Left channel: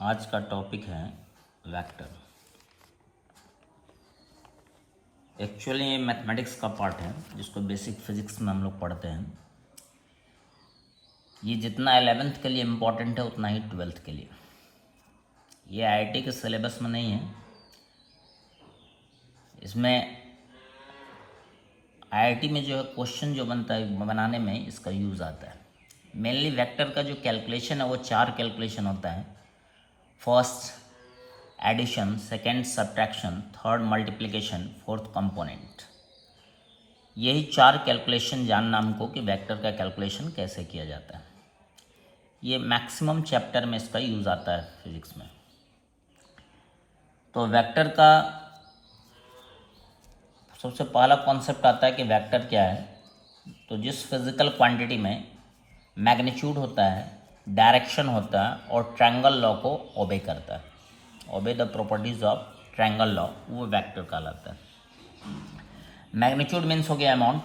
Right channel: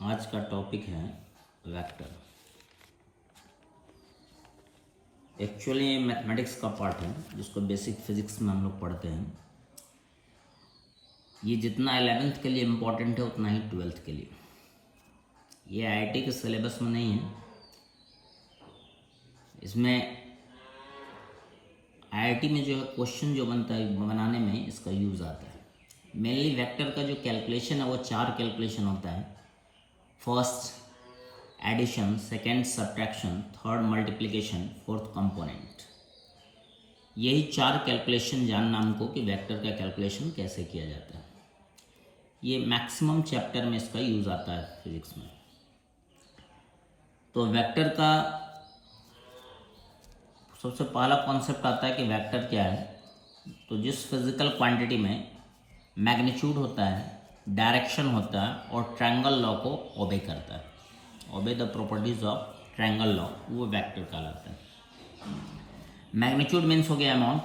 आज का टॉपिक है वेक्टर। एक्चुअली ये मैथमेटिक्स का पार्ट है जिसको बेसिक फिजिक्स में हम लोग पढ़ते हैं। ये जितना 11th के लिए इम्पोर्टेंट है उतना ही 12th के लिए। ये आईआईटी के सिलेबस में नहीं है। इसमें आईआईटी में जो है क्वेश्चन जो बनता है बनाने में इसका यूज़ आता है। मेनली वेक्टर का जो कैलकुलेशन है वो 4 कैलकुलेशन होता है। First edition, second subtraction, third multiplication, fourth component. यही 4 कैलकुलेशन जानना हमको कि वेक्टर का कैलकुलेशन कैसे किया जाता है। ये मैक्सिमम चैप्टर में इसका यूज़ आता है फिजिक्स में। तो वेक्टर का सबसे पहला कॉन्सेप्ट आता है कि वेक्टर क्या है। तो जिस फिजिकल क्वांटिटी में मैग्नीट्यूड होता है, डायरेक्शन होता है और ट्रायंगल लॉ को ओबे करता है, obey the properties of triangle law, वो वेक्टर कहलाता है। मैग्नीट्यूड मीन्स हो गया अमाउंट,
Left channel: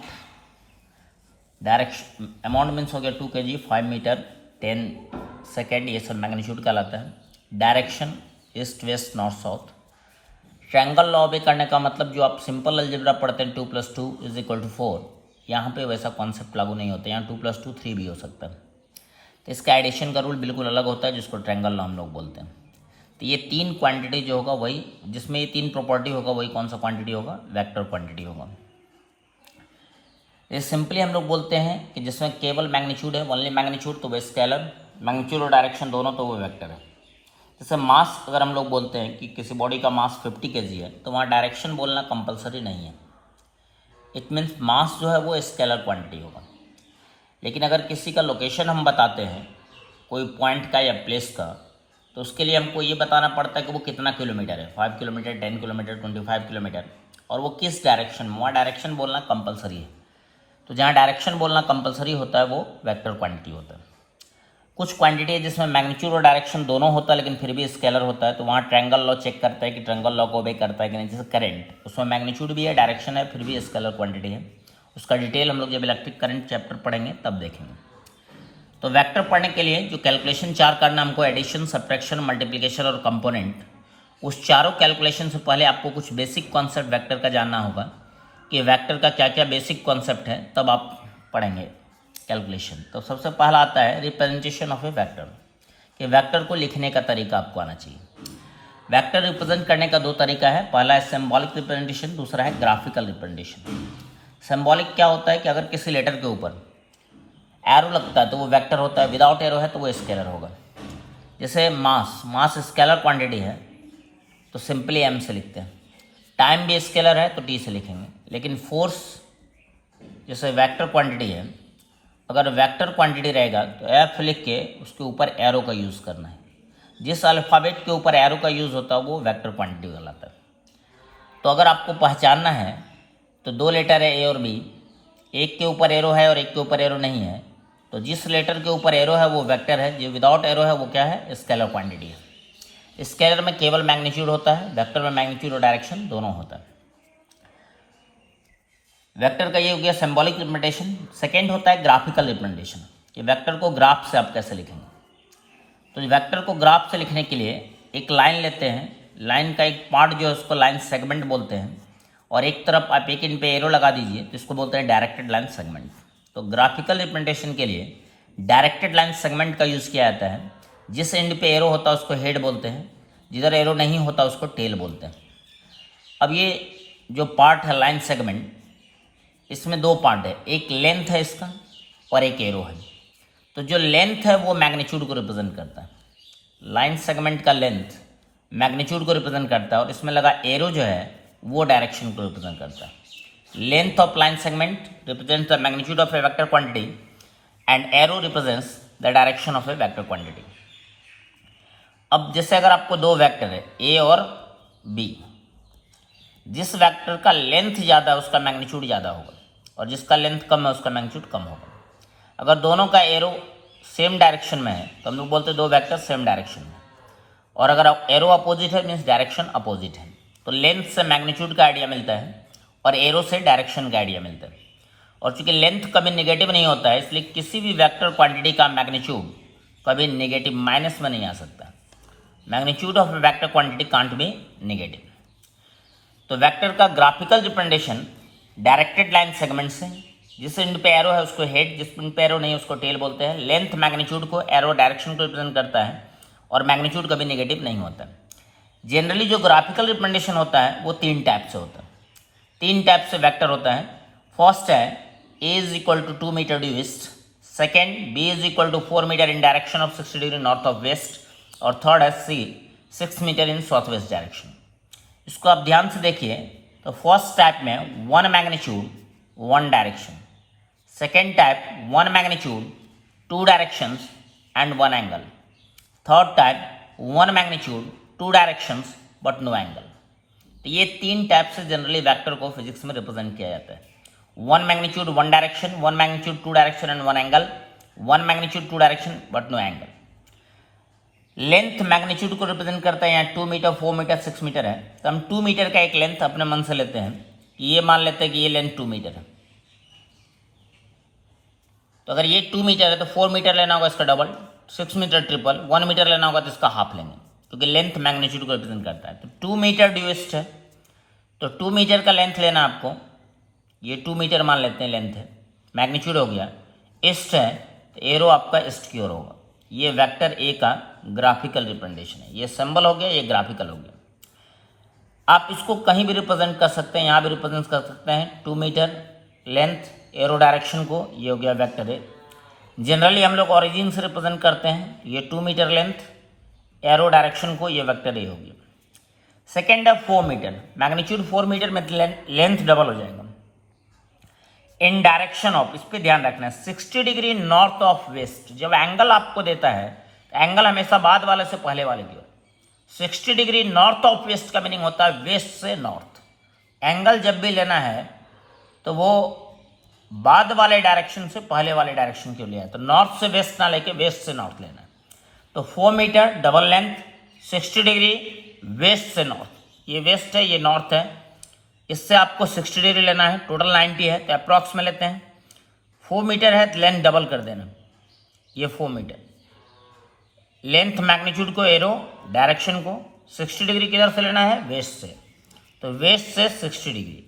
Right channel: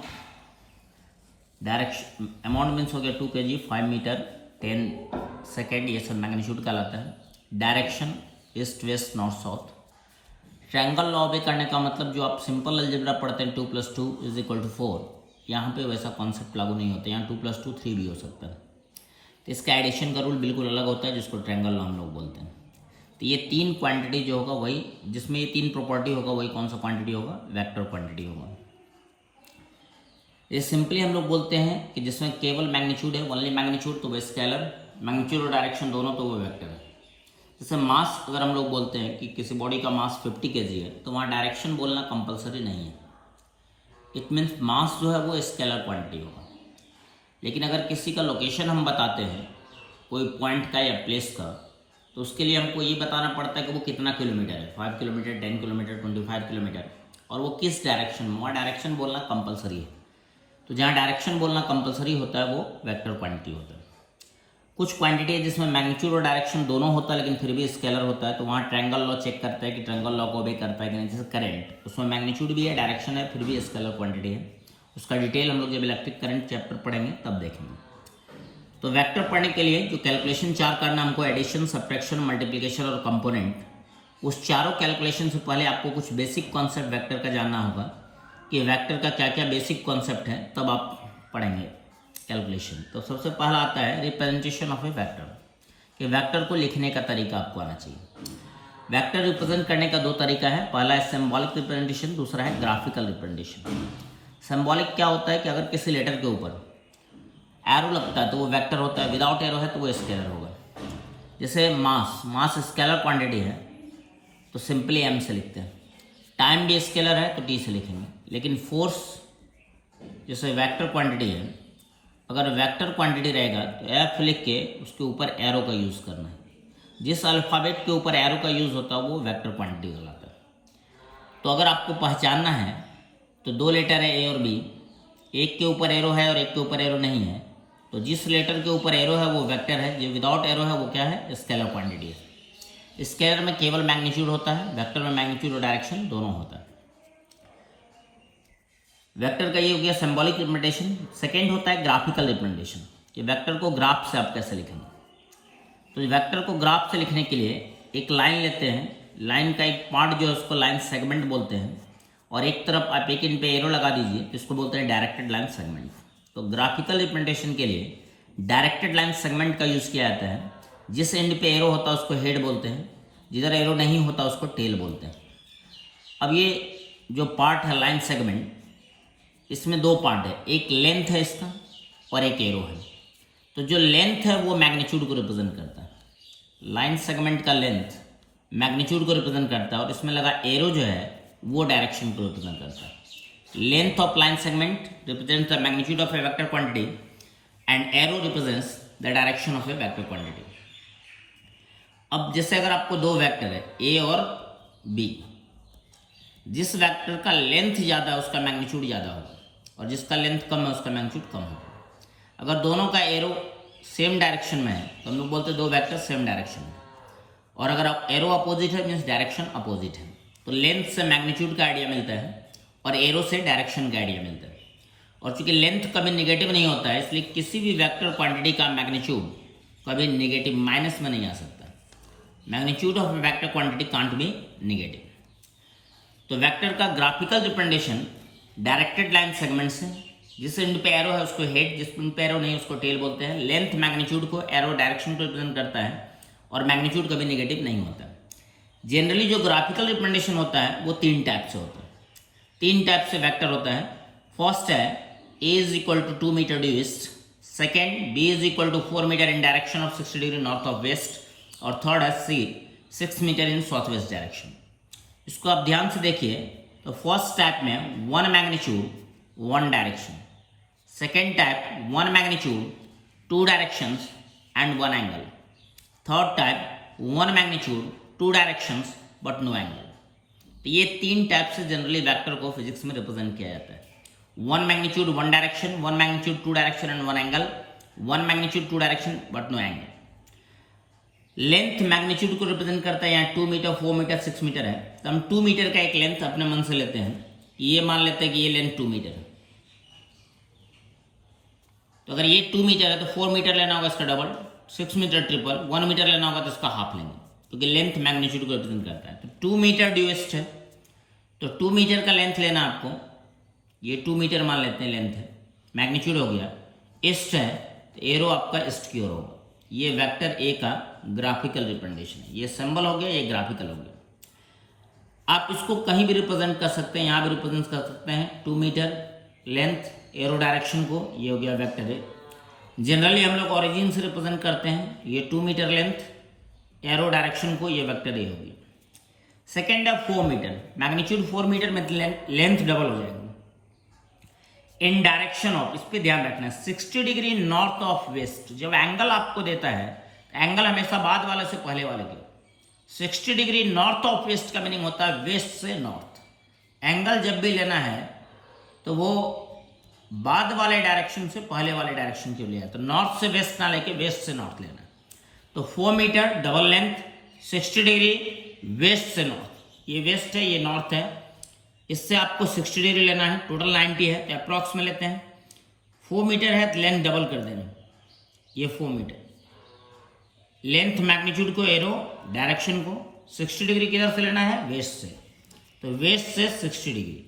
डायरेक्शन अमाउंट मीन्स हो गया 2 kg, 5 मीटर, 10 सेकेंड, ये सब मैग्नीट्यूड कहलाता है। Direction east west north south. Triangle law ओबे करने का मतलब जो आप सिंपल अलजेब्रा पढ़ते हैं 2 + 2 = 4, यहाँ पे वैसा कॉन्सेप्ट लागू नहीं होता। यहाँ 2 + 2 3 भी हो सकता है। तो इसका एडिशन का रूल बिल्कुल अलग होता है जिसको ट्रायंगल लॉ हम लोग बोलते हैं। तो ये 3 क्वांटिटी जो होगा वही, जिसमें ये 3 प्रॉपर्टी होगा वही कौन सा क्वांटिटी होगा? वेक्टर क्वांटिटी होगा। ये सिंपली हम लोग बोलते हैं कि जिसमें केवल मैग्नीट्यूड है, ओनली मैग्नीट्यूड, तो वो स्केलर, मैग्नीट्यूड और डायरेक्शन दोनों, तो वो वेक्टर है। जैसे मास अगर हम लोग बोलते हैं कि किसी बॉडी का मास 50 kg है, तो वहाँ डायरेक्शन बोलना कंपलसरी नहीं है। इट मीन्स मास जो है वो स्केलर क्वांटिटी होगा। लेकिन अगर किसी का लोकेशन हम बताते हैं, कोई पॉइंट का या प्लेस का, तो उसके लिए हमको ये बताना पड़ता है कि वो कितना किलोमीटर है, 5 किलोमीटर, 10 किलोमीटर, 25 किलोमीटर, और वो किस डायरेक्शन में। वहाँ डायरेक्शन बोलना कंपलसरी है। तो जहाँ डायरेक्शन बोलना कंपलसरी होता है वो वेक्टर क्वांटिटी होता है। कुछ क्वांटिटी है जिसमें मैग्नीट्यूड और डायरेक्शन दोनों होता है लेकिन फिर भी स्केलर होता है, तो वहाँ ट्रायंगल लॉ चेक करता है कि ट्रायंगल लॉ को ओबे करता है कि नहीं। जैसे करंट, उसमें मैग्नीट्यूड भी है, डायरेक्शन है, फिर भी स्केलर क्वांटिटी है। उसका डिटेल हम लोग जब इलेक्ट्रिक करंट चैप्टर पढ़ेंगे तब देखेंगे। तो वेक्टर पढ़ने के लिए जो कैलकुलेशन 4 करना हमको, एडिशन, सब्ट्रैक्शन, मल्टीप्लिकेशन और कंपोनेंट, उस चारों कैलकुलेशन से पहले आपको कुछ बेसिक कॉन्सेप्ट वेक्टर का जानना होगा कि वेक्टर का क्या क्या बेसिक कॉन्सेप्ट है, तब आप पढ़ेंगे कैलकुलेशन। तो सबसे पहला आता है रिप्रेजेंटेशन ऑफ ए वेक्टर, कि वेक्टर को लिखने का तरीका आपको आना चाहिए। वेक्टर रिप्रेजेंट करने का 2 तरीका है। पहला है सिंबॉलिक रिप्रेजेंटेशन, दूसरा है ग्राफिकल रिप्रेजेंटेशन। सिंबॉलिक क्या होता है कि अगर किसी लेटर के ऊपर एरो लगता है तो वो वेक्टर होता है, विदाउट एरो है तो वो स्केलर होगा। जैसे मास स्केलर क्वांटिटी है तो सिंपली एम से लिखते हैं। टाइम भी स्केलर है तो टी से लिखेंगे। लेकिन फोर्स जैसे वेक्टर क्वांटिटी है, अगर वेक्टर क्वांटिटी रहेगा तो एफ लिख के उसके ऊपर एरो का यूज़ करना है। जिस अल्फ़ाबेट के ऊपर एरो का यूज़ होता है वो वेक्टर क्वांटिटी कहलाता है। तो अगर आपको पहचानना है तो 2 लेटर है ए और बी, एक के ऊपर एरो है और एक के ऊपर एरो नहीं है, तो जिस लेटर के ऊपर एरो है वो वेक्टर है, जो विदाउट एरो है वो क्या है? स्केलर क्वांटिटी है। स्केलर में केवल मैग्नीट्यूड होता है, वेक्टर में मैग्नीट्यूड और डायरेक्शन दोनों होता है। वेक्टर का ये हो गया सिंबॉलिक रिप्रेजेंटेशन। सेकेंड होता है ग्राफिकल रिप्रेजेंटेशन, कि वेक्टर को ग्राफ से आप कैसे लिखेंगे। तो वेक्टर को ग्राफ से लिखने के लिए एक लाइन लेते हैं, लाइन का एक पार्ट जो है उसको लाइन सेगमेंट बोलते हैं, और एक तरफ आप एक इन पे एरो लगा दीजिए तो इसको बोलते हैं डायरेक्टेड लाइन सेगमेंट। तो ग्राफिकल रिप्रेजेंटेशन के लिए डायरेक्टेड लाइन सेगमेंट का यूज़ किया जाता है। जिस एंड पे एरो होता है उसको हेड बोलते हैं, जिधर एरो नहीं होता उसको टेल बोलते हैं। अब ये जो पार्ट है लाइन सेगमेंट, इसमें 2 पार्ट है, एक लेंथ है इसका और एक एरो है। तो जो लेंथ है वो मैग्नीट्यूड को रिप्रेजेंट करता है। लाइन सेगमेंट का लेंथ मैग्नीट्यूड को रिप्रेजेंट करता है और इसमें लगा एरो जो है वो डायरेक्शन को रिप्रेजेंट करता है। Length of line segment represents the magnitude of a vector quantity and arrow represents the direction of a vector quantity. अब जैसे अगर आपको 2 वेक्टर है ए और बी, जिस वेक्टर का लेंथ ज़्यादा है उसका मैग्नीट्यूड ज़्यादा होगा और जिसका लेंथ कम है उसका मैग्नीट्यूड कम होगा। अगर दोनों का एरो सेम डायरेक्शन में है तो हम लोग बोलते हैं 2 वेक्टर सेम डायरेक्शन में, और अगर एरो अपोजिट है मीन्स डायरेक्शन अपोजिट है। तो लेंथ से मैग्नीट्यूड का आइडिया मिलता है और एरो से डायरेक्शन का आइडिया मिलता है। और चूंकि लेंथ कभी नेगेटिव नहीं होता है इसलिए किसी भी वेक्टर क्वांटिटी का मैग्नीट्यूड कभी नेगेटिव माइनस में नहीं आ सकता। Magnitude of vector quantity can't be negative. तो वेक्टर का graphical representation directed line segment से, जिस एंड पे एरो है उसको हेड, जिस एंड पे एरो नहीं उसको टेल बोलते हैं। लेंथ मैग्नीट्यूड को एरो डायरेक्शन को रिप्रेजेंट करता है और मैग्नीट्यूड कभी नेगेटिव नहीं होता। जनरली जो ग्राफिकल रिप्रेजेंटेशन होता है वो 3 टाइप से होता है। 3 टाइप से वेक्टर होता है। फर्स्ट है A is equal to 2 metre due east, second B is equal to 4 metre in direction of 60 degree north of west, और थर्ड है C 6 metre in south west direction. इसको आप ध्यान से देखिए। तो फर्स्ट टाइप में 1 magnitude 1 direction, second type 1 magnitude 2 directions and 1 angle, third type 1 magnitude 2 directions but no angle. तो ये 3 टाइप से जनरली वेक्टर को फिजिक्स में रिप्रेजेंट किया जाता है। 1 magnitude 1 direction, 1 magnitude 2 direction and 1 angle, 1 magnitude 2 direction but no angle. Length magnitude को represent करता है। यहाँ 2 मीटर 4 मीटर 6 मीटर है, तो हम 2 मीटर का एक लेंथ अपने मन से लेते हैं। ये मान लेते हैं कि ये लेंथ 2 मीटर है। तो अगर ये 2 मीटर है तो 4 मीटर लेना होगा इसका डबल, 6 मीटर ट्रिपल, 1 मीटर लेना होगा तो इसका हाफ लेंगे, क्योंकि लेंथ मैग्नीट्यूड को रिप्रेजेंट करता है। तो 2 मीटर ड्यू ईस्ट है, तो 2 मीटर का लेंथ लेना आपको। ये 2 मीटर मान लेते हैं लेंथ है, मैग्नीट्यूड हो गया। ईस्ट है तो एरो आपका ईस्ट की ओर होगा। ये वेक्टर ए का ग्राफिकल रिप्रेजेंटेशन है। ये सिंबल हो गया, ये ग्राफिकल हो गया। आप इसको कहीं भी रिप्रेजेंट कर सकते हैं, यहाँ भी रिप्रेजेंट कर सकते हैं। 2 मीटर लेंथ एरो डायरेक्शन को, ये हो गया वेक्टर ए। जनरली हम लोग ओरिजिन से रिप्रेजेंट करते हैं। ये 2 मीटर लेंथ एरो डायरेक्शन को, ये वेक्टर ए होगी। सेकेंड है 4 मीटर, मैग्नीट्यूड 4 मीटर में लेंथ डबल हो जाएगा। इन डायरेक्शन ऑफ, इस पर ध्यान रखना है, 60 डिग्री नॉर्थ ऑफ वेस्ट। जब एंगल आपको देता है तो एंगल हमेशा बाद वाले से पहले वाले की ओर। 60 डिग्री नॉर्थ ऑफ वेस्ट का मीनिंग होता है वेस्ट से नॉर्थ। एंगल जब भी लेना है तो वो बाद वाले डायरेक्शन से पहले वाले डायरेक्शन के लिए है। तो नॉर्थ से वेस्ट ना लेके वेस्ट से नॉर्थ लेना है। तो 4 metre double length 60 degree west से नॉर्थ, ये वेस्ट है ये नॉर्थ है। इससे आपको 60 डिग्री लेना है, टोटल 90 है तो अप्रॉक्स में लेते हैं। 4 मीटर है तो लेंथ डबल कर देना, ये 4 मीटर। लेंथ मैग्नीट्यूड को एरो डायरेक्शन को 60 डिग्री किधर से लेना है, वेस्ट से। तो वेस्ट से 60 डिग्री,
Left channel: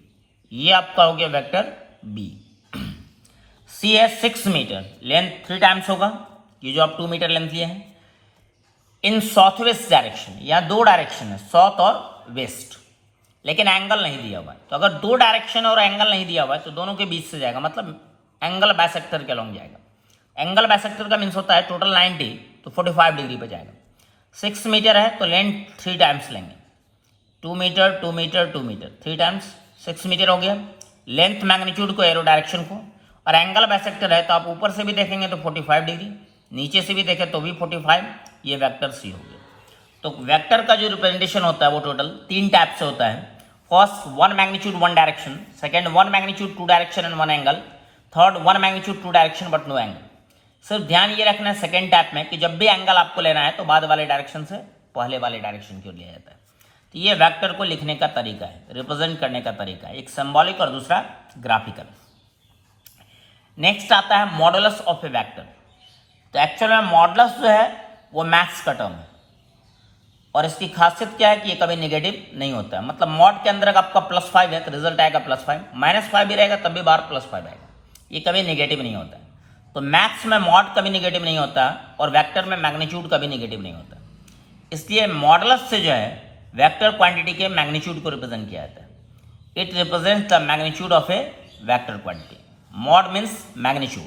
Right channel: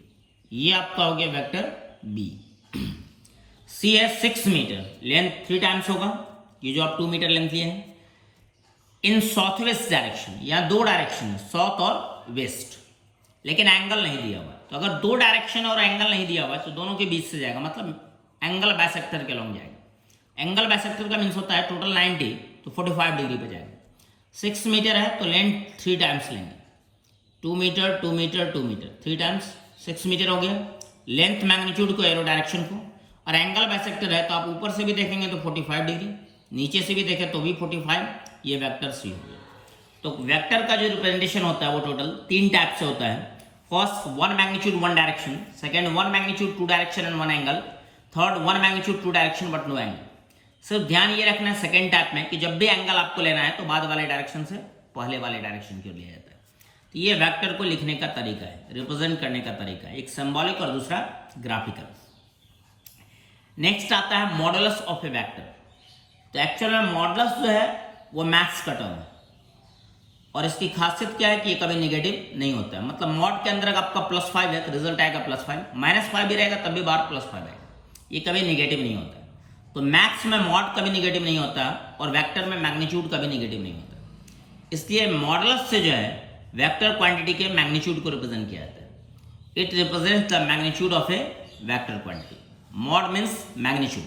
ये आपका हो गया वेक्टर बी। सी है 6 मीटर, लेंथ 3 टाइम्स होगा, ये जो आप 2 मीटर लेंथ लिए हैं। इन साउथ वेस्ट डायरेक्शन, यहाँ 2 डायरेक्शन है, साउथ और वेस्ट, लेकिन एंगल नहीं दिया हुआ है। तो अगर 2 डायरेक्शन और एंगल नहीं दिया हुआ है तो दोनों के बीच से जाएगा, मतलब एंगल बाइसेक्टर के अलॉन्ग जाएगा। एंगल बाइसेक्टर का मीन्स होता है टोटल 90 तो 45 डिग्री पे जाएगा। 6 मीटर है तो लेंथ 3 टाइम्स लेंगे, 2 metre 2 metre 2 metre, 3 times 6 metre हो गया। लेंथ मैग्नीट्यूड को एरो डायरेक्शन को, और एंगल बाइसेक्टर है तो आप ऊपर से भी देखेंगे तो 45 डिग्री, नीचे से भी देखें तो भी 45, ये वेक्टर सी हो गया। तो वेक्टर का जो रिप्रेजेंटेशन होता है वो टोटल 3 टाइप से होता है। First 1 magnitude 1 direction, second 1 magnitude 2 direction and 1 angle, third 1 magnitude 2 direction but no angle. सिर्फ ध्यान ये रखना है सेकेंड टाइप में कि जब भी एंगल आपको लेना है तो बाद वाले डायरेक्शन से पहले वाले डायरेक्शन की ओर लिया जाता है। तो ये वेक्टर को लिखने का तरीका है, रिप्रेजेंट करने का तरीका है, एक सिंबॉलिक और दूसरा ग्राफिकल। नेक्स्ट आता है मॉडुलस ऑफ ए वेक्टर। तो एक्चुअल में मॉडुलस जो है वो मैथ्स का टर्म है, और इसकी खासियत क्या है कि ये कभी नेगेटिव नहीं होता है। मतलब मॉड के अंदर आपका +5 है तो रिजल्ट आएगा +5, -5 भी रहेगा तब भी बार +5 आएगा, ये कभी नेगेटिव नहीं होता है। तो मैथ्स में मॉड कभी नेगेटिव नहीं होता और वेक्टर में मैग्नीट्यूड कभी नेगेटिव नहीं होता। इसलिए मॉडुलस से जो है वेक्टर क्वांटिटी के मैग्नीट्यूड को रिप्रेजेंट किया जाता है। It represents the magnitude of a vector quantity. Mod means magnitude.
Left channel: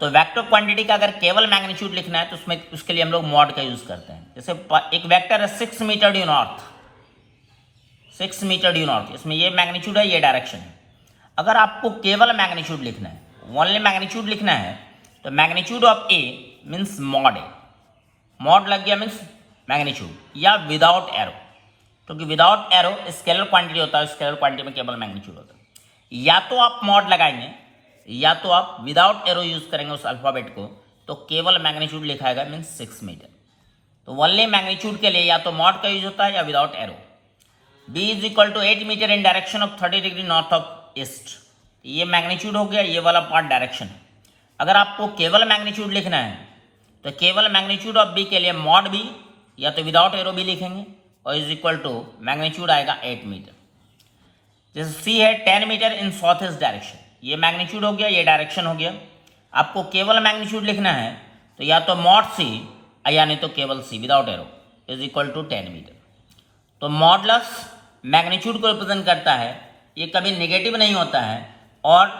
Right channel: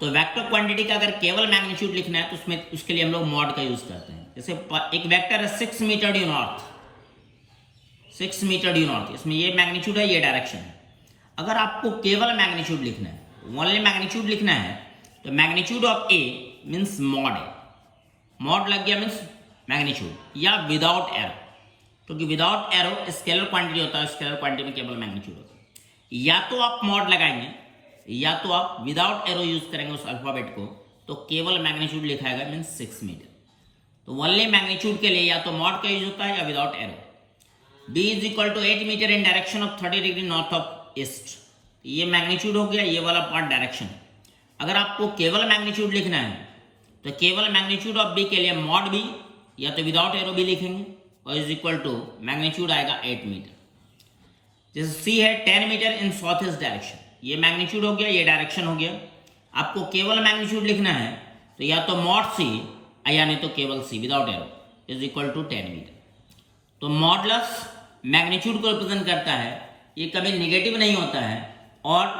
तो वेक्टर क्वांटिटी का अगर केवल मैग्नीट्यूड लिखना है तो उसमें उसके लिए हम लोग मॉड का यूज करते हैं। जैसे एक वेक्टर है 6 metre due north, 6 metre due north, इसमें ये मैग्नीट्यूड है ये डायरेक्शन है। अगर आपको केवल मैग्नीट्यूड लिखना है, ओनली मैग्नीट्यूड लिखना है, तो magnitude of A means mod A, mod लग गया मीन्स मैग्नीट्यूड, या विदाउट एरो, क्योंकि विदाउट एरो स्केलर क्वांटिटी होता है, स्केलर क्वांटिटी में केवल मैग्नीट्यूड होता है। या तो आप मॉड लगाएंगे या तो आप विदाउट एरो यूज करेंगे उस अल्फाबेट को, तो केवल मैग्नीट्यूड लिखाएगा मीन्स 6 मीटर। तो ओनली मैग्नीट्यूड के लिए या तो मॉड का यूज होता है या without arrow. b is equal to 8 metre in direction of 30 degree north of east, ये मैग्नीट्यूड हो गया, ये वाला पार्ट डायरेक्शन। अगर आपको केवल मैग्नीट्यूड लिखना है तो केवल मैग्नीट्यूड ऑफ b के लिए मॉड b या तो विदाउट एरो भी लिखेंगे और इज इक्वल टू मैग्नीट्यूड आएगा 8 मीटर। जैसे सी है 10 metre in south east direction, ये मैग्नीट्यूड हो गया, ये डायरेक्शन हो गया। आपको केवल मैग्नीट्यूड लिखना है तो या तो मॉड सी या नहीं तो केवल C without arrow is equal to 10 metre. तो मॉडलस मैग्नीट्यूड को रिप्रेजेंट करता है, ये कभी नेगेटिव नहीं होता है। और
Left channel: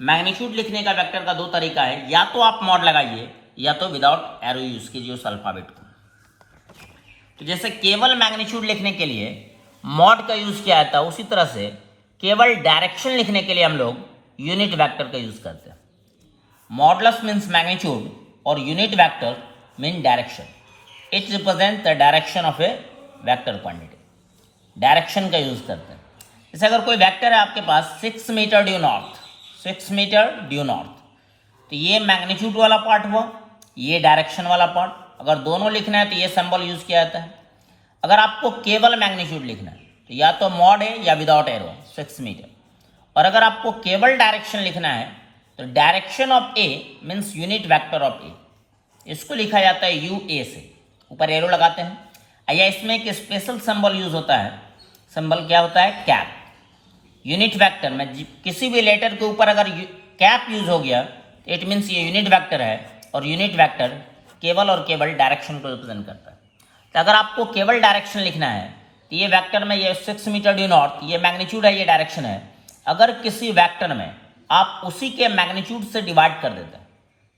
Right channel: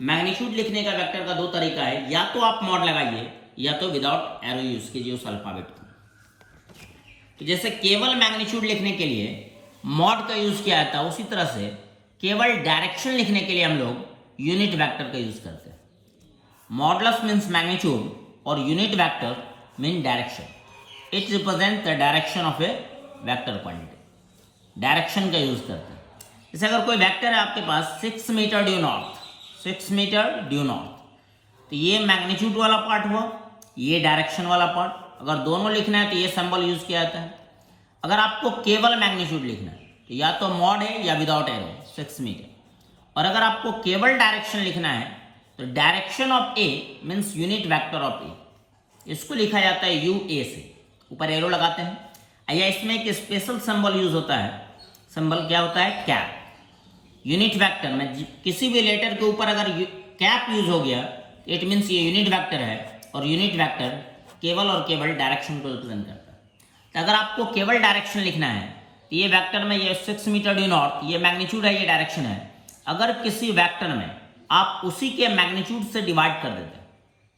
मैग्नीट्यूड लिखने का वेक्टर का दो तरीका है, या तो आप मॉड लगाइए या तो विदाउट एरो यूज कीजिए उस अल्फाबेट को। तो जैसे केवल मैग्नीट्यूड लिखने के लिए मॉड का यूज किया जाता है, उसी तरह से केवल डायरेक्शन लिखने के लिए हम लोग यूनिट वेक्टर का यूज करते हैं। मॉडलस मीन्स मैग्नीट्यूड और unit vector mean direction. It represent the direction of a vector quantity. Direction का यूज करते हैं। जैसे अगर कोई वेक्टर है आपके पास 6 metre due north, 6 metre due north, तो ये मैग्नीट्यूड वाला पार्ट हुआ, ये डायरेक्शन वाला पार्ट। अगर दोनों लिखना है तो ये सिंबल यूज किया जाता है। अगर आपको केवल मैग्नीट्यूड लिखना है तो या तो मॉड है या विदाउट एरो 6 मीटर। और अगर आपको केवल डायरेक्शन लिखना है तो direction of A means unit vector of A, इसको लिखा जाता है यू ए से, ऊपर एरो लगाते हैं। या इसमें एक स्पेशल सिंबल यूज होता है, सिंबल क्या होता है? कैप। यूनिट वेक्टर में किसी भी लेटर के ऊपर अगर कैप यूज हो गया इट मीन्स ये यूनिट वेक्टर है, और यूनिट वेक्टर केवल और केवल डायरेक्शन को रिप्रेजेंट करता है। तो अगर आपको केवल डायरेक्शन लिखना है तो ये वेक्टर में ये 6 मीटर ड्यू नॉर्थ, ये मैग्नीट्यूड है, ये डायरेक्शन है। अगर किसी वेक्टर में आप उसी के मैग्नीट्यूड से डिवाइड कर देते हैं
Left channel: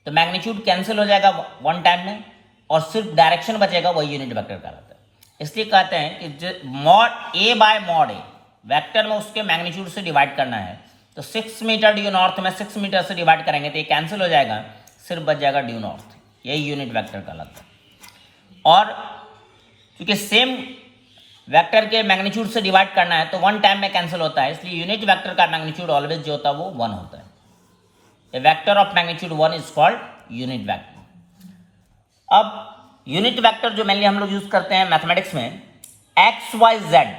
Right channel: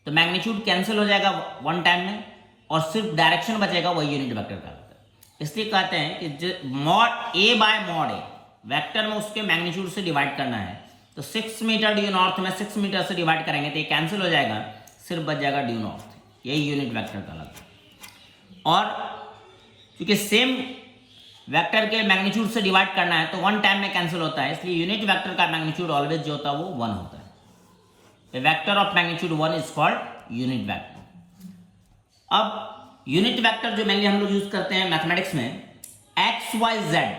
तो मैग्नीट्यूड कैंसिल हो जाएगा वन टाइम में और सिर्फ डायरेक्शन बचेगा, वही यूनिट वेक्टर कहलाता है। इसलिए कहते हैं कि मॉड ए बाय मॉड ए, वेक्टर में उसके मैग्नीट्यूड से डिवाइड करना है तो 6 मीटर ड्यू नॉर्थ में 6 मीटर से डिवाइड करेंगे तो ये कैंसिल हो जाएगा, सिर्फ बच जाएगा ड्यू नॉर्थ, यही यूनिट वेक्टर कहलाता है। और क्योंकि सेम वेक्टर के मैग्नीट्यूड से डिवाइड करना है तो वन टाइम में कैंसिल होता है, इसलिए यूनिट वेक्टर का मैग्नीट्यूड ऑलवेज जो होता है वो 1 होता है। A vector of magnitude 1 is called unit vector. अब यूनिट वेक्टर जो मेनली हम लोग यूज करते हैं मैथमेटिक्स में, एक्स वाई जेड,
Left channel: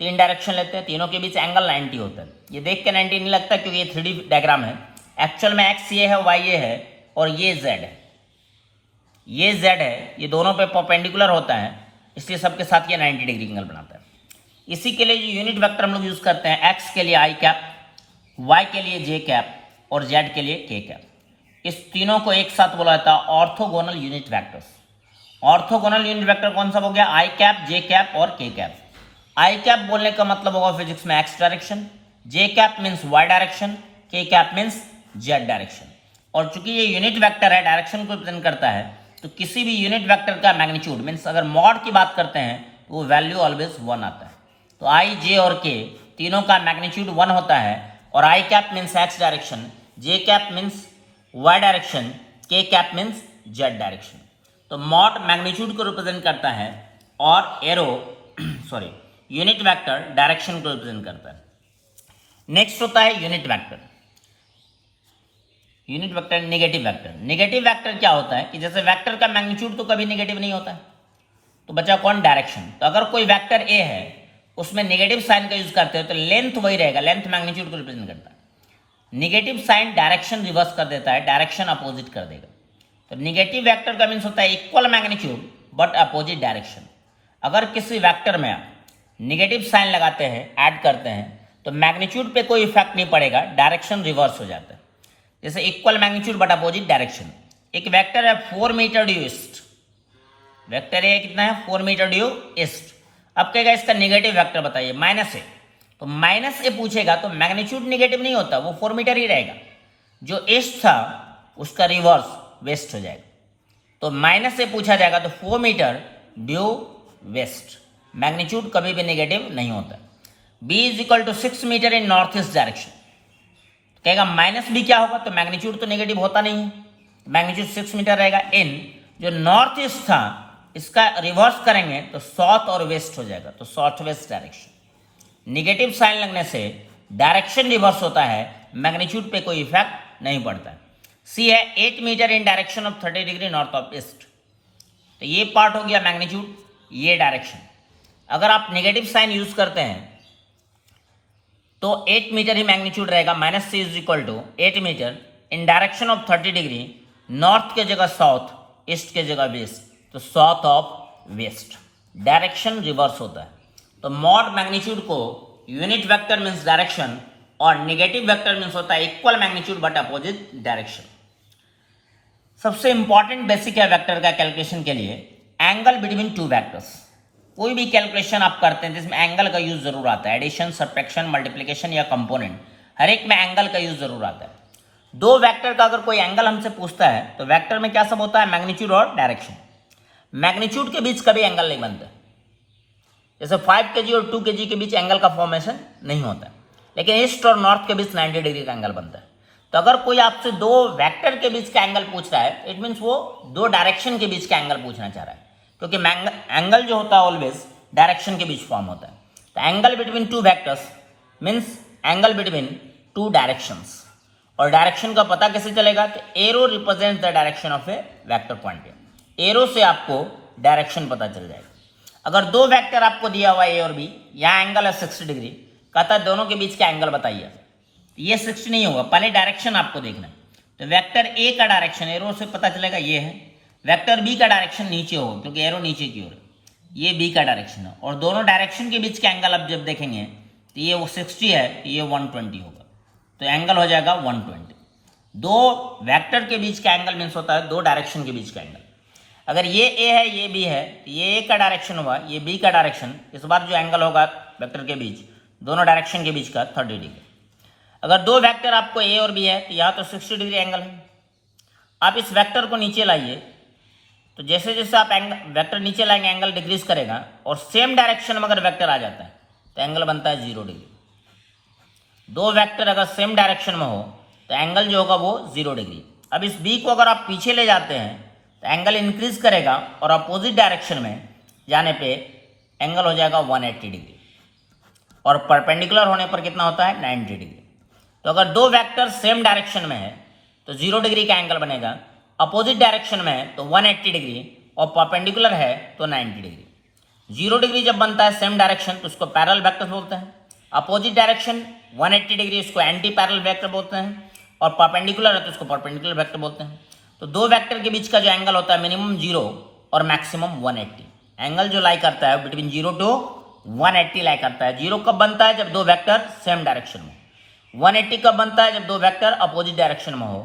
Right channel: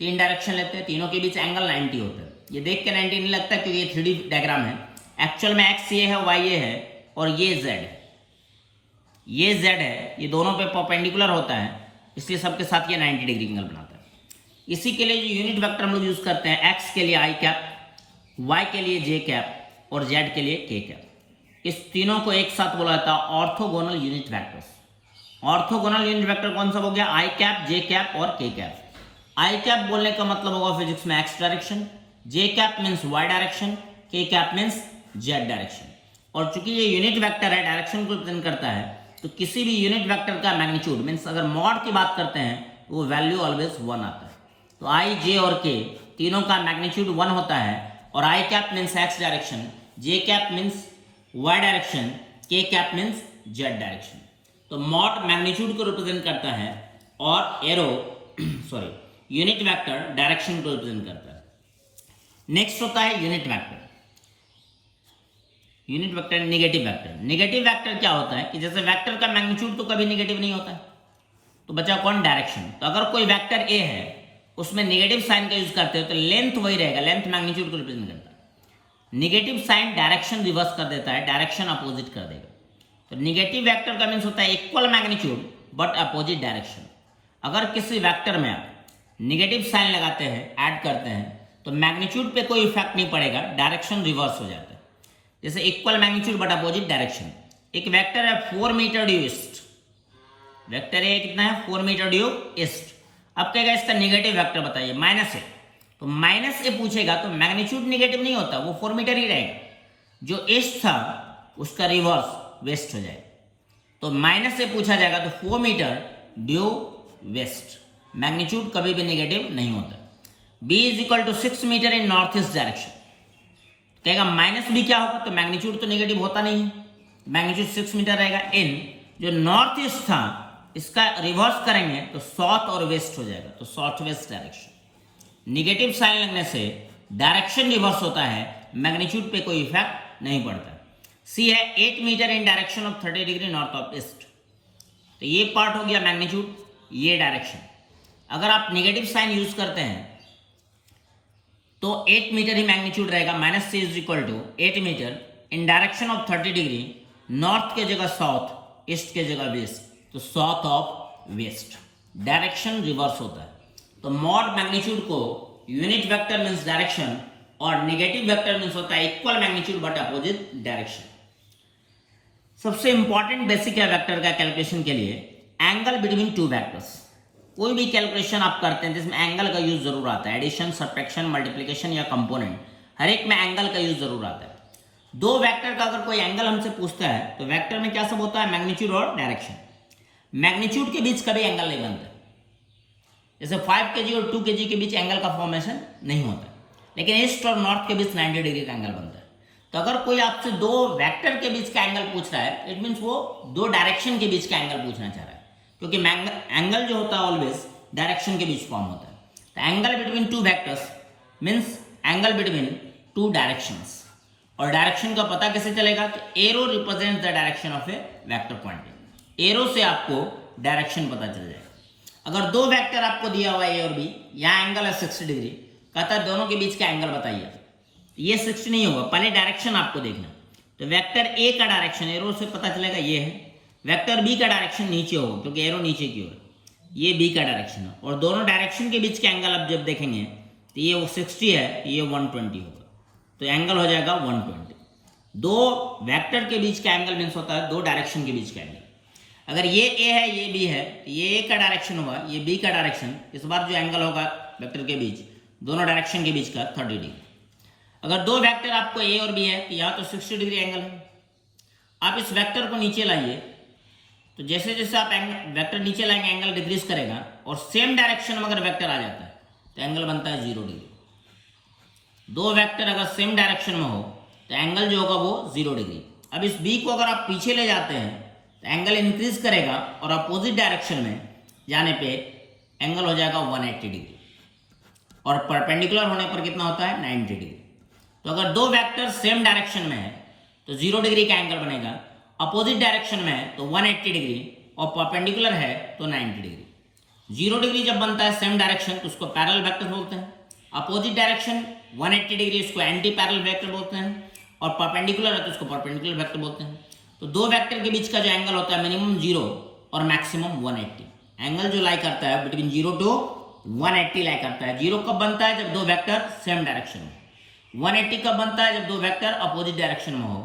3 डायरेक्शन लेते हैं, तीनों के बीच एंगल 90 होता है। ये देख के 90 नहीं लगता क्योंकि ये 3D डायग्राम है। एक्चुअल में एक्स ये है, वाई ये है और ये जेड है, ये जेड है, ये दोनों पे परपेंडिकुलर होता है, इसलिए सबके साथ ये 90 डिग्री एंगल बनाता है। इसी के लिए जो यूनिट वेक्टर हम लोग यूज करते हैं, एक्स के लिए आई कैप, वाई के लिए जे कैप और जेड के लिए के कैप, इस तीनों को एक साथ बोला जाता है orthogonal unit vectors. Orthogonal unit vector कौन सा हो गया? आई कैप, जे कैप और के कैप। आई कैप बोलने का मतलब होगा फिजिक्स में एक्स डायरेक्शन, जे कैप मीन्स वाई डायरेक्शन, के कैप मीन्स जेड डायरेक्शन। और चूंकि ये यूनिट वेक्टर है, डायरेक्शन को रिप्रेजेंट करता है, तो किसी भी यूनिट वेक्टर का मैग्नीट्यूड मीन्स अगर मॉड की बात करते हैं तो वो वैल्यू ऑलवेज 1 आता है। तो आई, जे और के तीनों का मैग्नीट्यूड 1 होता है। और आई कैप मीन्स एक्स डायरेक्शन, जे कैप मीन्स वाई डायरेक्शन, के कैप मीन्स जेड डायरेक्शन। तो मॉड मैग्नीट्यूड को रिप्रेजेंट करता है और arrow sorry unit vector direction को रिप्रेजेंट करता है। नेक्स्ट होता है unit vector. Unit vector negative vector. Negative vector क्या होता है कि जैसे वेक्टर का मैग्नीट्यूड तो कभी नेगेटिव नहीं होता है, तो बचा कौन? डायरेक्शन। तो अगर कोई वेक्टर ए है उसमें नेगेटिव साइन का यूज करते हो तो लेंथ वही रहेगा, लेंथ मैग्नीट्यूड को रिप्रेजेंट करता है। नेगेटिव साइन डायरेक्शन रिवर्स कर देता है, डायरेक्शन अपोजिट कर देगा। तो नेगेटिव वेक्टर का मीन्स होता है equal magnitude but opposite direction. अगर किसी वेक्टर में आप नेगेटिव साइन लगाते हैं, ऐड करते हैं, तो मैग्नीट्यूड पे कोई इफेक्ट नहीं पड़ेगा, डायरेक्शन रिवर्स हो जाता है। जैसे equal magnitude but opposite direction. एक वेक्टर है 4 मीटर ड्यू ईस्ट, वेक्टर है कितना है? 4 मीटर ड्यू ईस्ट। अब कहेगा इसका नेगेटिव वेक्टर बताइए, माइनस ए। तो माइनस ए पूछेगा तो मैग्नीट्यूड नेगेटिव नहीं होता, वो 4 मीटर ही रहेगा। जो ईस्ट था उसका रिवर्स वेस्ट हो जाएगा। तो माइनस से पूछा जाएगा तो 4 मीटर ड्यू वेस्ट, मैग्नीट्यूड कभी भी नेगेटिव नहीं होता। b is equal to 6 metre in north east direction. कहेगा माइनस b क्या होगा? तो मैग्नीट्यूड तो नेगेटिव होता नहीं है, मैग्नीट्यूड 6 मीटर रहेगा। इन जो नॉर्थ ईस्ट था इसका रिवर्स करेंगे तो साउथ और वेस्ट हो जाएगा, तो south west direction. Negative sign लगने से डायरेक्शन रिवर्स होता है, मैग्नीट्यूड पे कोई इफेक्ट नहीं पड़ता है। सी है 8 metre in direction of 30 degree north of east. तो ये पार्ट हो गया मैग्नीट्यूड, ये डायरेक्शन। अगर आप नेगेटिव साइन यूज करते हैं तो 8 मीटर ही मैग्नीट्यूड रहेगा। Minus C is equal to 8 metre in direction of 30 degree, north के जगह साउथ, ईस्ट के जगह वेस्ट, तो south of west, direction reverse होता है। तो मॉड मैग्नीट्यूड को यूनिट वेक्टर मीन्स डायरेक्शन और नेगेटिव वेक्टर मीन्स होता है equal magnitude but opposite direction. सबसे इंपॉर्टेंट बेसिक है वेक्टर का कैलकुलेशन के लिए एंगल बिटवीन टू वेक्टर्स। कोई भी कैलकुलेशन आप करते हैं जिसमें एंगल का यूज जरूर आता है, एडिशन, सब्ट्रैक्शन, मल्टीप्लिकेशन या कंपोनेंट, हर एक में एंगल का यूज जरूर आता है। दो वेक्टर का अगर कोई एंगल हमसे पूछता है तो वेक्टर में क्या सब होता है, मैग्नीट्यूड और डायरेक्शन। मैग्नीट्यूड के बीच कभी एंगल नहीं बनता, जैसे 5 kg और 2 kg के बीच एंगल का फॉर्मेशन नहीं होता, लेकिन ईस्ट और नॉर्थ के बीच 90 डिग्री का एंगल बनता है। तो अगर कोई आपसे दो वेक्टर के बीच का एंगल पूछ रहा है, इट मीन्स वो दो डायरेक्शन के बीच का एंगल पूछना चाह रहा है, क्योंकि एंगल जो होता है ऑलवेज डायरेक्शन के बीच फॉर्म होता है। तो angle between two vectors means angle between two directions. और डायरेक्शन का पता कैसे चलेगा कि arrow represent the direction of a vector point. Arrow से आपको डायरेक्शन पता चल जाएगा। अगर दो वेक्टर आपको दिया हुआ है ए और बी, यहाँ एंगल है 60 डिग्री, कहता है दोनों के बीच का एंगल बताइए, ये 60 नहीं होगा, पहले डायरेक्शन आपको देखना। तो वेक्टर ए का डायरेक्शन एरो से पता चलेगा ये है, वेक्टर बी का डायरेक्शन नीचे होगा क्योंकि एरो नीचे की ओर है, ये बी का डायरेक्शन है। और दोनों डायरेक्शन के बीच का एंगल आप जब देखेंगे तो ये वो 60 है, तो ये 120 होगा, तो एंगल हो जाएगा 120। दो वेक्टर के बीच का एंगल मीन्स होता है दो डायरेक्शन के बीच का एंगल। अगर ये ए है ये बी है, तो ये ए का डायरेक्शन होगा, ये बी का डायरेक्शन, इस बार जो एंगल होगा वेक्टर के बीच दोनों डायरेक्शन के बीच का 30 डिग्री। अगर दो वेक्टर आपको ए और बी है तो यहाँ तो 60 डिग्री एंगल है। आप इस वेक्टर को नीचे लाइए, तो जैसे जैसे आप वेक्टर नीचे लाएंगे एंगल डिक्रीज करेगा, और सेम डायरेक्शन में अगर वेक्टर आ जाता है तो एंगल बनता है 0 डिग्री। दो वेक्टर अगर सेम डायरेक्शन में हो तो एंगल जो होगा वो 0 डिग्री। अब इस बी को अगर आप पीछे ले जाते हैं तो एंगल इंक्रीज करेगा और अपोजिट डायरेक्शन में जाने पे एंगल हो जाएगा 180 डिग्री, और परपेंडिकुलर होने पर कितना होता है 90 डिग्री। तो अगर दो वेक्टर सेम डायरेक्शन में है तो 0 डिग्री का एंगल बनेगा, अपोजिट डायरेक्शन में है तो 180 डिग्री, और परपेंडिकुलर है तो 90 डिग्री। 0 डिग्री जब बनता है सेम डायरेक्शन तो उसको पैरेलल वेक्टर बोलते हैं, अपोजिट डायरेक्शन 180 डिग्री उसको एंटी पैरेलल वेक्टर बोलते हैं, और परपेंडिकुलर है तो उसको परपेंडिकुलर वेक्टर बोलते हैं। तो दो वेक्टर के बीच का जो एंगल होता है मिनिमम 0 और मैक्सिमम 180, एंगल जो लाई करता है बिटवीन 0 टू 180 लाई करता है। 0 कब बनता है, जब दो वेक्टर सेम डायरेक्शन में। 180 कब बनता है, जब दो वेक्टर अपोजिट डायरेक्शन में हो,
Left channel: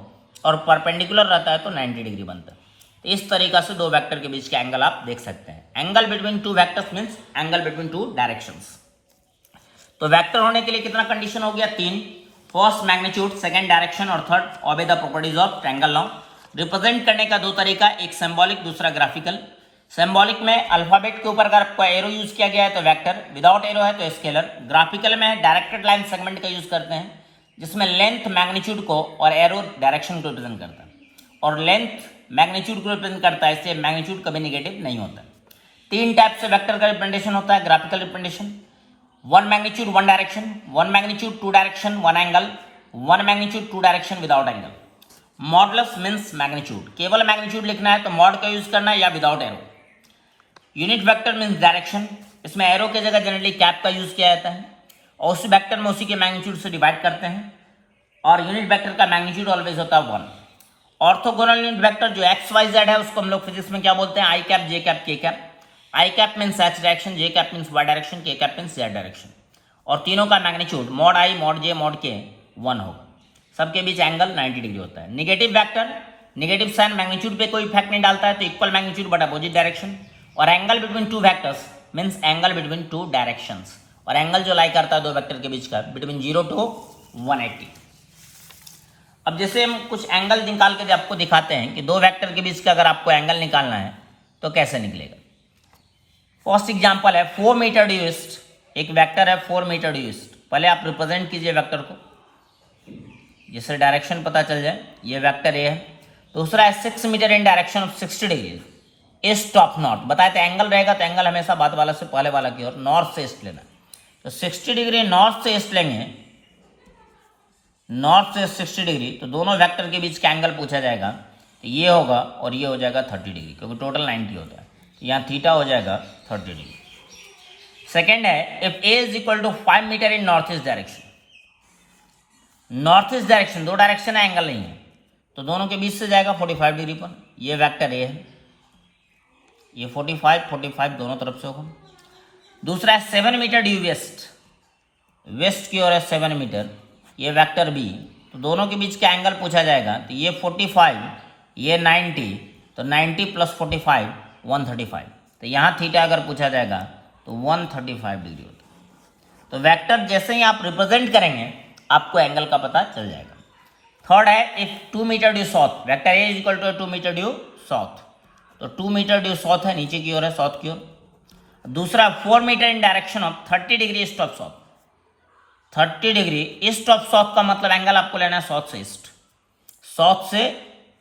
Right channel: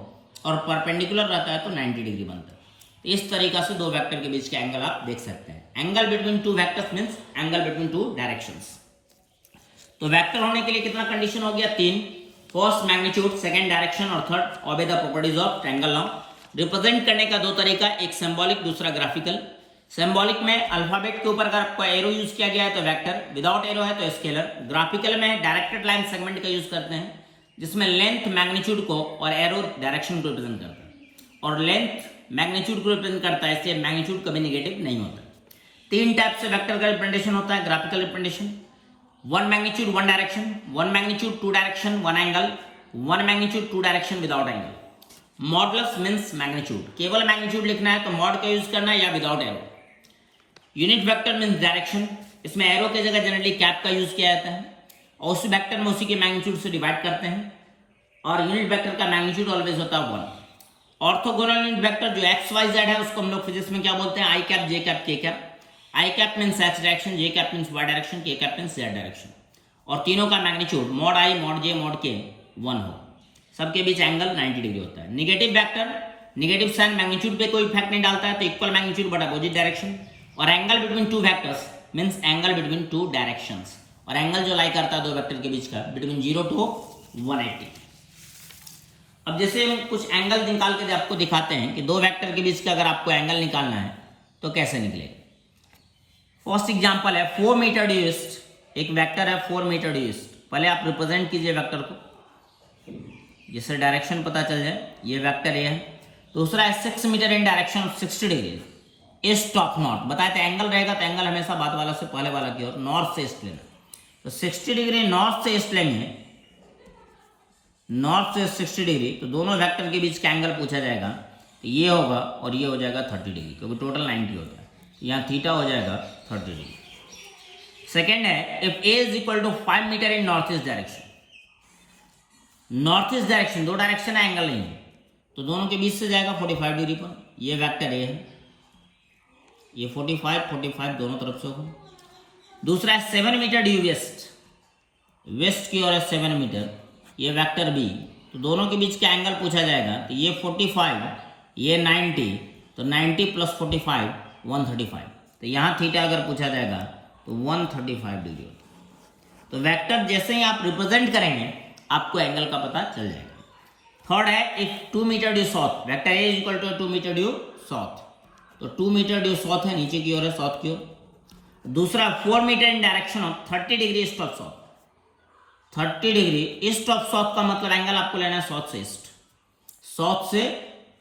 और परपेंडिकुलर रहता है तो 90 डिग्री बनता है। तो इस तरीका से दो वेक्टर के बीच का एंगल आप देख सकते हैं। Angle between two vectors means angle between two directions. तो वेक्टर होने के लिए कितना कंडीशन हो गया, 3। फर्स्ट मैग्नीट्यूड, सेकंड डायरेक्शन, और third obey the properties of triangle law. Represent करने का दो तरीका, एक सिंबॉलिक दूसरा ग्राफिकल। सिंबॉलिक में अल्फाबेट के ऊपर अगर आपका एरो यूज किया गया है तो वेक्टर, विदाउट एरो है तो स्केलर। ग्राफिकल में डायरेक्टेड लाइन सेगमेंट का यूज करते हैं जिसमें लेंथ मैग्नीट्यूड को और एरो डायरेक्शन को रिप्रेजेंट करता है, और लेंथ मैग्नीट्यूड को रिप्रेजेंट करता है, इससे मैग्नीट्यूड कभी निगेटिव नहीं होता। 3 टाइप से वेक्टर का रिप्रेजेंटेशन होता है graphical representation, 1 magnitude 1 direction, 1 magnitude 2 direction 1 angle, 1 magnitude 2 direction without angle. Modulus means magnitude, केवल मैग्नीट्यूड लिखना है तो मॉड का यूज करना है या without arrow. Unit vector means direction, इसमें एरो की जगह जनरली कैप का यूज किया जाता है, और उस वेक्टर में उसी के मैग्नीट्यूड से डिवाइड करते हैं, और यूनिट वेक्टर का मैग्नीट्यूड ऑलवेज होता है 1। ऑर्थोगोनल यूनिट वेक्टर जो एक्स वाई जेड है उसको हम लोग फिजिक्स में क्या बोलते हैं, आई कैप, जे कैप, के कैप। आई कैप मीन्स एक्स डायरेक्शन, जे कैप मीन्स वाई डायरेक्शन, के कैप मीन्स जेड डायरेक्शन। और तीनों का मैग्नीट्यूड मॉड आई, मॉड जे, मॉड के 1 हो। सबके बीच एंगल 90 डिग्री होता है। Negative vector, negative sign magnitude पे कोई इफेक्ट नहीं डालता है, तो equal magnitude but opposite direction. और angle between two vectors means angle between two directions, और एंगल जो लाई करता है दो वेक्टर के बीच का बिटवीन 0 टू 180। अब जैसे हम कुछ एंगल निकाल के आपको दिखाते हैं कि दो वेक्टर के बीच का अगर आपको एंगल निकालना है तो कैसे निकलेगा। फर्स्ट एग्जांपल है 4 मीटर ड्यू ईस्ट, एक वेक्टर है 4 मीटर ड्यू ईस्ट। पहले आप रिप्रेजेंट कीजिए वेक्टर को, जिससे डायरेक्शन पता चल जाए। ये वेक्टर ए है। दूसरा है 6 metre in direction of 60 degree east of north. बताए थे एंगल रहेगा तो एंगल हमेशा बाद वाला से पहले वाला की ओर नॉर्थ से ईस्ट लेना। तो 60 डिग्री नॉर्थ से ईस्ट लेंगे, नॉर्थ से 60 डिग्री, तो दोनों वेक्टर के बीच का एंगल पूछा जाएगा, तो ये होगा और ये हो जाएगा 30 डिग्री, क्योंकि टोटल 90 होता है। यहाँ थीटा हो जाएगा 30 डिग्री। सेकेंड है if A is equal to 5 metre in north east direction. North east direction, दो डायरेक्शन है, एंगल नहीं है, तो दोनों के बीच से जाएगा 45 डिग्री पर। ये वेक्टर ए है। ये 45 दोनों तरफ से होगा। दूसरा है 7 मीटर ड्यू वेस्ट, वेस्ट की ओर है 7 मीटर, ये वेक्टर बी, तो दोनों के बीच का एंगल पूछा जाएगा, तो ये 45, ये 90, तो 90 प्लस 45 135, तो यहाँ थीटा अगर पूछा जाएगा तो 135 डिग्री होता है। तो वेक्टर जैसे ही आप रिप्रेजेंट करेंगे आपको एंगल का पता चल जाएगा। थर्ड है if 2 metre due south, vector A is equal to 2 metre due south, तो 2 मीटर ड्यू साउथ है, नीचे की ओर है, साउथ की ओर। दूसरा 4 metre in direction of 30 degree east of south, 30 degree east of south का मतलब एंगल आपको लेना है साउथ से ईस्ट, साउथ से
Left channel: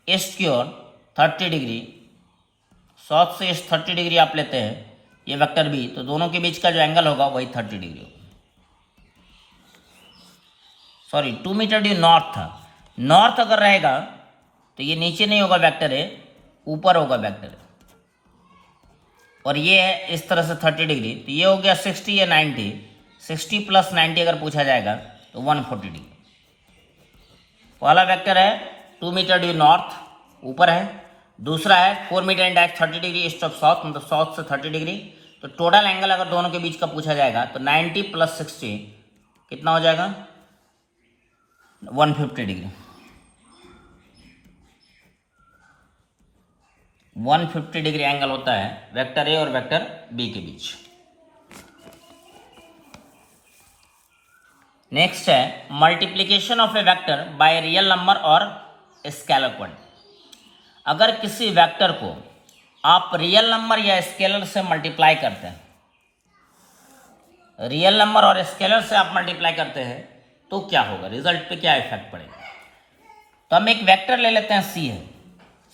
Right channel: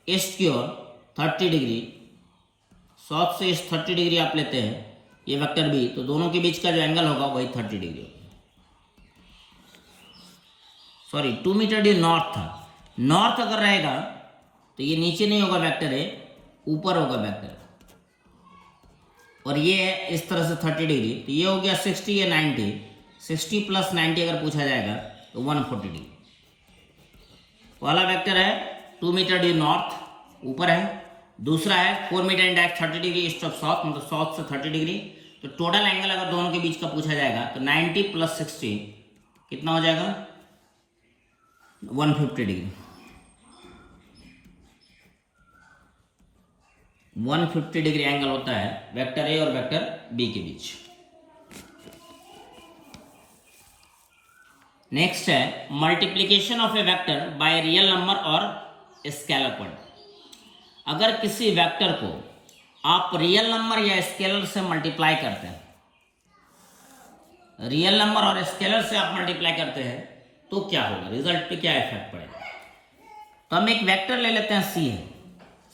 ईस्ट की ओर 30 डिग्री, साउथ से ईस्ट 30 डिग्री आप लेते हैं, ये वेक्टर बी, तो दोनों के बीच का जो एंगल होगा वही 30 डिग्री होगा। सॉरी 2 मीटर ड्यू नॉर्थ था, नॉर्थ अगर रहेगा तो ये नीचे नहीं होगा वेक्टर है, ऊपर होगा वेक्टर, और ये है इस तरह से 30 डिग्री, तो ये हो गया 60 या 90, 60 प्लस 90 अगर पूछा जाएगा तो 140 डिग्री। पहला वेक्टर है 2 मीटर ड्यू नॉर्थ, ऊपर है। दूसरा है 4 metre in direct 30 degree east of south, मतलब साउथ से 30 डिग्री। तो टोटल एंगल अगर दोनों के बीच का पूछा जाएगा तो 90 प्लस 60 कितना हो जाएगा, 150 डिग्री, 150 डिग्री एंगल होता है वेक्टर ए और वेक्टर बी के बीच। नेक्स्ट है multiplication of a vector by real number और स्केलर क्वांटिटी। अगर किसी वेक्टर को आप रियल नंबर या स्केलर से मल्टीप्लाई करते हैं, रियल नंबर और स्केलर से आप मल्टीप्लाई करते हैं तो क्या होगा, रिजल्ट पे क्या इफेक्ट पड़ेगा। तो हम एक वेक्टर ले लेते हैं सी है,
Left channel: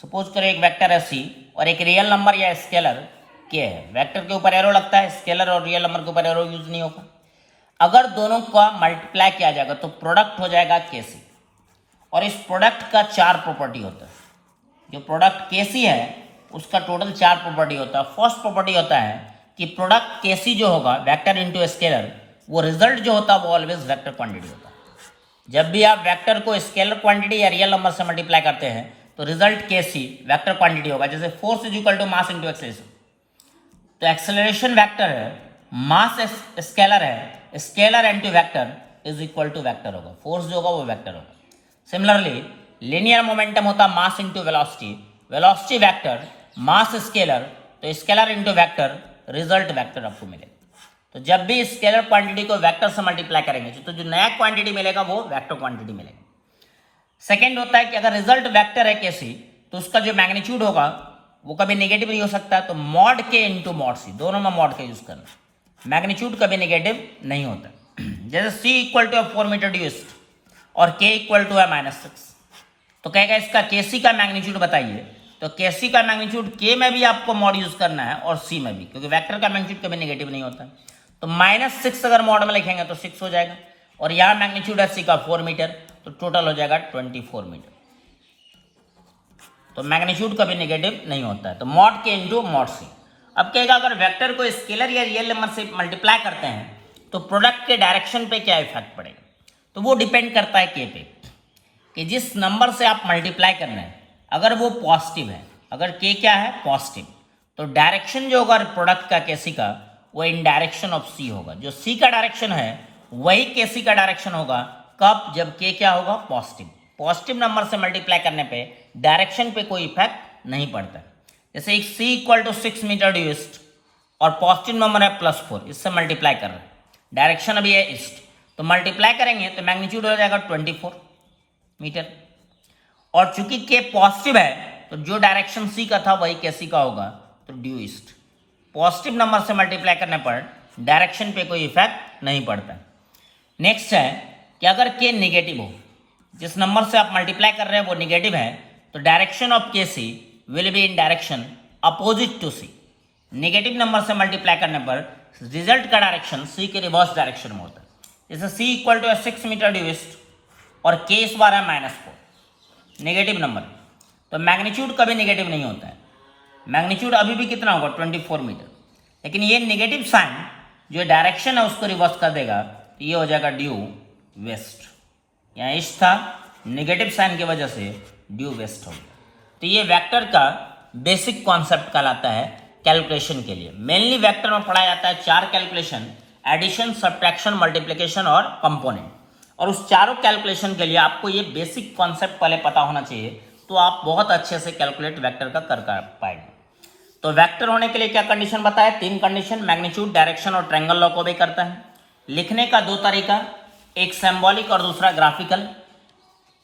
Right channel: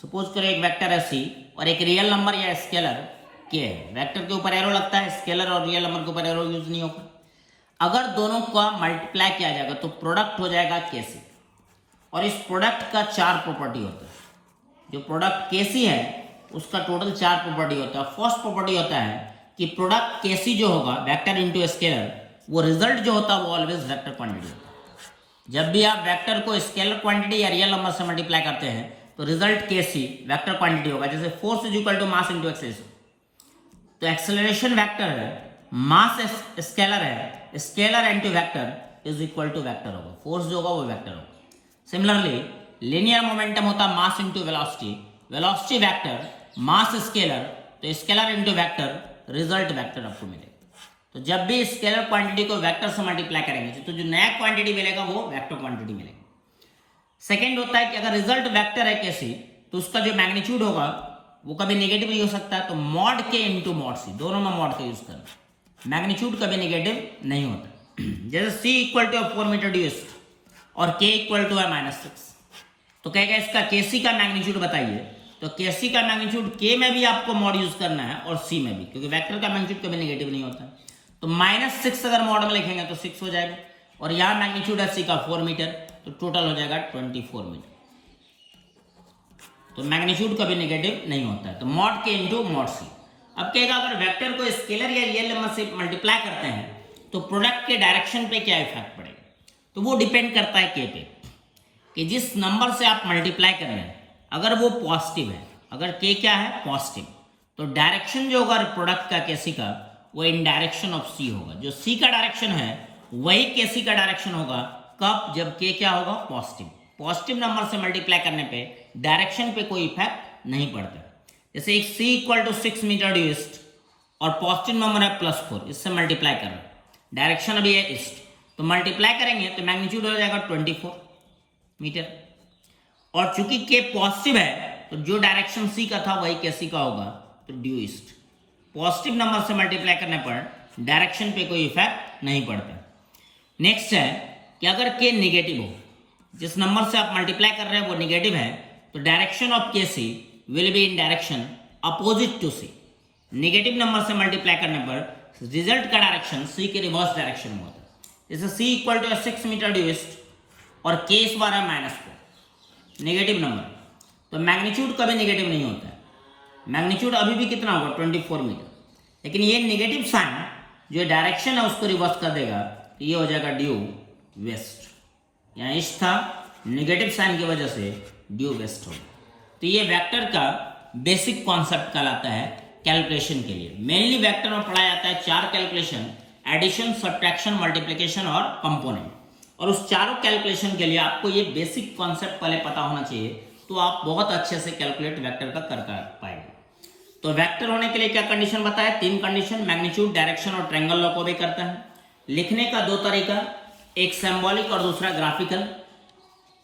सपोज करें एक वेक्टर है सी और एक रियल नंबर या स्केलर के है। वेक्टर के ऊपर एरो लगता है, स्केलर और रियल नंबर के ऊपर एरो यूज नहीं होगा। अगर दोनों का मल्टीप्लाई किया जाएगा तो प्रोडक्ट हो जाएगा केसी, और इस प्रोडक्ट का 4 प्रॉपर्टी होता है। जो प्रोडक्ट केसी है उसका टोटल 4 प्रॉपर्टी होता है। फर्स्ट प्रॉपर्टी होता है कि प्रोडक्ट केसी जो होगा वेक्टर इंटू स्केलर, वो रिजल्ट जो होता है वो ऑलवेज वेक्टर क्वांटिटी होता है। जब भी आप वेक्टर को स्केलर क्वांटिटी या रियल नंबर से मल्टीप्लाई करते हैं तो रिजल्ट केसी वेक्टर क्वांटिटी होगा। जैसे force is equal to mass into acceleration, तो एक्सेलरेशन वेक्टर है, मास स्केलर है, scalar into vector is equal to vector होगा, फोर्स जो होगा वो वेक्टर होगा। सिमिलरली लीनियर मोमेंटम होता mass into velocity, velocity vector, mass scalar, तो scalar into vector, result vector आपको मिलेगा। तो जब भी स्केलर क्वांटिटी को वेक्टर से मल्टीप्लाई करेंगे तो जो नया क्वांटिटी मिलेगा वो वेक्टर क्वांटिटी मिलेगा। सेकेंड होता है कि अगर रिजल्ट वेक्टर है कैसी, तो उसका जो मैग्नीट्यूड होगा वो कभी नेगेटिव नहीं हो सकता, तो मॉड के इंटू मॉड सी, दोनों में मॉड का यूज करना, मैग्नीट्यूड कभी नेगेटिव नहीं होता। जैसे C equal to 4 metre due east और के इक्वल टू है -6, तो कहेगा इसका केसी का मैग्नीट्यूड बताइए, तो केसी का मैग्नीट्यूड के में भी आपको मॉड यूज करना है और सी में भी, क्योंकि वेक्टर का मैग्नीट्यूड कभी नेगेटिव नहीं होता। तो -6 अगर मॉड में लिखेंगे तो 6 हो जाएगा, और यहाँ मैग्नीट्यूड है सी का 4 मीटर, तो टोटल हो जाएगा 24 मीटर। तो मैग्नीट्यूड कभी नेगेटिव नहीं होता है, तो मॉड के इंटू मॉड सी। अब कहेगा अगर वेक्टर को स्केलर या रियल नंबर से मल्टीप्लाई करते हैं तो प्रोडक्ट के डायरेक्शन पे क्या इफेक्ट पड़ेगा, तो वो डिपेंड करता है के पे, कि जिस नंबर से आप मल्टीप्लाई कर रहे हैं अगर वो पॉजिटिव है, अगर के क्या है पॉजिटिव, तो डायरेक्शन जो होगा प्रोडक्ट का केसी का वो इन डायरेक्शन ऑफ सी होगा। जो सी का डायरेक्शन है वही केसी का डायरेक्शन होगा, कब, जब के क्या होगा पॉजिटिव। पॉजिटिव नंबर से मल्टीप्लाई करने पे डायरेक्शन पे कोई इफेक्ट नहीं पड़ता। जैसे एक C equal to 6 metre due east और पॉजिटिव नंबर है +4, इससे मल्टीप्लाई कर रहे हैं, डायरेक्शन अभी है ईस्ट, तो मल्टीप्लाई करेंगे तो मैग्नीट्यूड हो जाएगा 24 मीटर, और चूंकि के पॉजिटिव है तो जो डायरेक्शन सी का था वही के सी का होगा, तो ड्यू ईस्ट। पॉजिटिव नंबर से मल्टीप्लाई करने पर डायरेक्शन पे कोई इफेक्ट नहीं पड़ता। नेक्स्ट है कि अगर के नेगेटिव हो, जिस नंबर से आप मल्टीप्लाई कर रहे हैं वो नेगेटिव है, तो direction of K C will be in direction opposite to C. Negative number से मल्टीप्लाई करने पर रिजल्ट का डायरेक्शन सी के रिवर्स डायरेक्शन में होता है। जैसे C equal to 6 metre due east और के इस बार है -4, नेगेटिव नंबर, तो मैग्नीट्यूड कभी नेगेटिव नहीं होता है। मैग्नीट्यूड अभी भी कितना होगा 24 मीटर, लेकिन ये नेगेटिव साइन जो डायरेक्शन है उसको रिवर्स कर देगा, तो ये हो जाएगा ड्यू वेस्ट। यहाँ ईस्ट था, नेगेटिव साइन की वजह से ड्यू वेस्ट हो गया। तो ये वेक्टर का बेसिक कॉन्सेप्ट कहलाता है कैलकुलेशन के लिए। मेनली वेक्टर में पढ़ा जाता है 4 कैलकुलेशन, एडिशन, सब्ट्रैक्शन, मल्टीप्लिकेशन और कंपोनेंट। और उस चारों कैलकुलेशन के लिए आपको ये बेसिक कॉन्सेप्ट पहले पता होना चाहिए, तो आप बहुत अच्छे से कैलकुलेट वेक्टर का कर पाएंगे। तो वेक्टर होने के लिए क्या कंडीशन बताया? 3 कंडीशन, मैग्नीट्यूड, डायरेक्शन और ट्रायंगल लॉ को भी करता है। लिखने का 2 तरीका, एक सिंबॉलिक और दूसरा ग्राफिकल।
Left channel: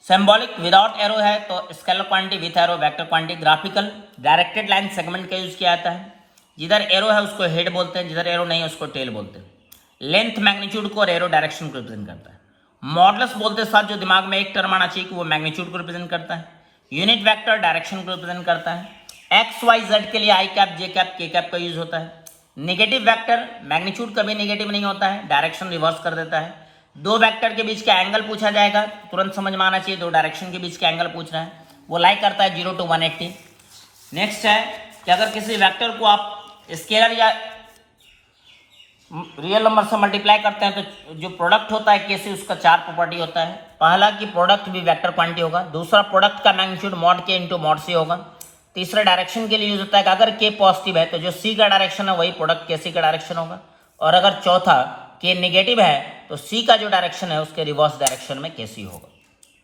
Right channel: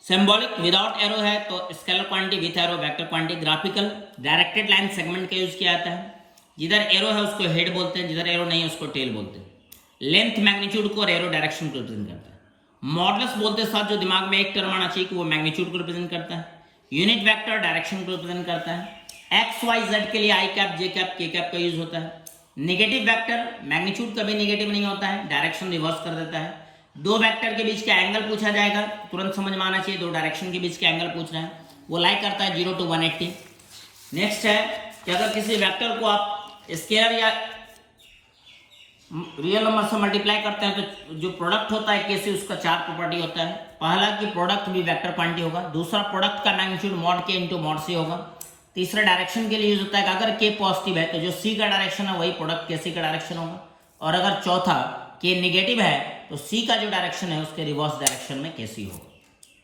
सिंबॉलिक विदाउट एरो है तो scalar quantity, with arrow vector quantity. Graphical directed line segment का यूज किया जाता है, जिधर एरो है उसको हेड बोलते हैं, जिधर एरो नहीं है उसको टेल बोलते हैं। लेंथ मैग्नीट्यूड को और एरो डायरेक्शन को रिप्रेजेंट करता है। मॉडुलस बोलते साथ जो दिमाग में एक टर्म आना चाहिए कि वो मैग्नीट्यूड को रिप्रेजेंट करता है। यूनिट वेक्टर डायरेक्शन को रिप्रेजेंट करता है। एक्स वाई जेड के लिए आई कैप, जे कैप, के कैप का यूज होता है। नेगेटिव वेक्टर मैग्नीट्यूड कभी नेगेटिव नहीं होता है, डायरेक्शन रिवर्स कर देता है। 2 वेक्टर के बीच का एंगल पूछा जाएगा, तुरंत समझ में आना चाहिए 2 डायरेक्शन के बीच का एंगल पूछ रहा है, वो लाई करता है 0 to 180। नेक्स्ट है कि अगर किसी वेक्टर को आप स्केलर या रियल नंबर से मल्टीप्लाई करते हैं तो जो प्रोडक्ट होता है कैसे, उसका 4 प्रॉपर्टी होता है। पहला कि प्रोडक्ट भी वेक्टर क्वांटिटी होगा, दूसरा प्रोडक्ट का मैग्नीट्यूड मॉड के इंटू मॉड सी होगा, तीसरा डायरेक्शन के लिए यूज होता है कि अगर के पॉजिटिव है तो जो सी का डायरेक्शन है वही प्रोडक्ट के सी का डायरेक्शन होगा, और अगर चौथा के नेगेटिव है तो सी का जो डायरेक्शन है उसके रिवर्स डायरेक्शन में के सी होगा।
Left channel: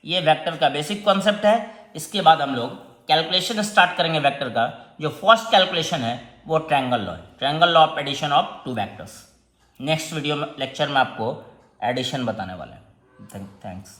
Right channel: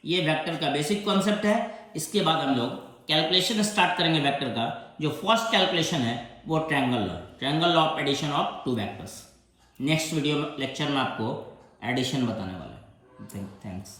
ये वेक्टर का बेसिक कॉन्सेप्ट है। इसके बाद हम लोग कैलकुलेशन स्टार्ट करेंगे वेक्टर का। जो फर्स्ट कैलकुलेशन है वो ट्रायंगल लॉ है, triangle law of addition of 2 vectors. Next video में लेक्चर में आपको एडिशन बताने वाला है। थैंक्स।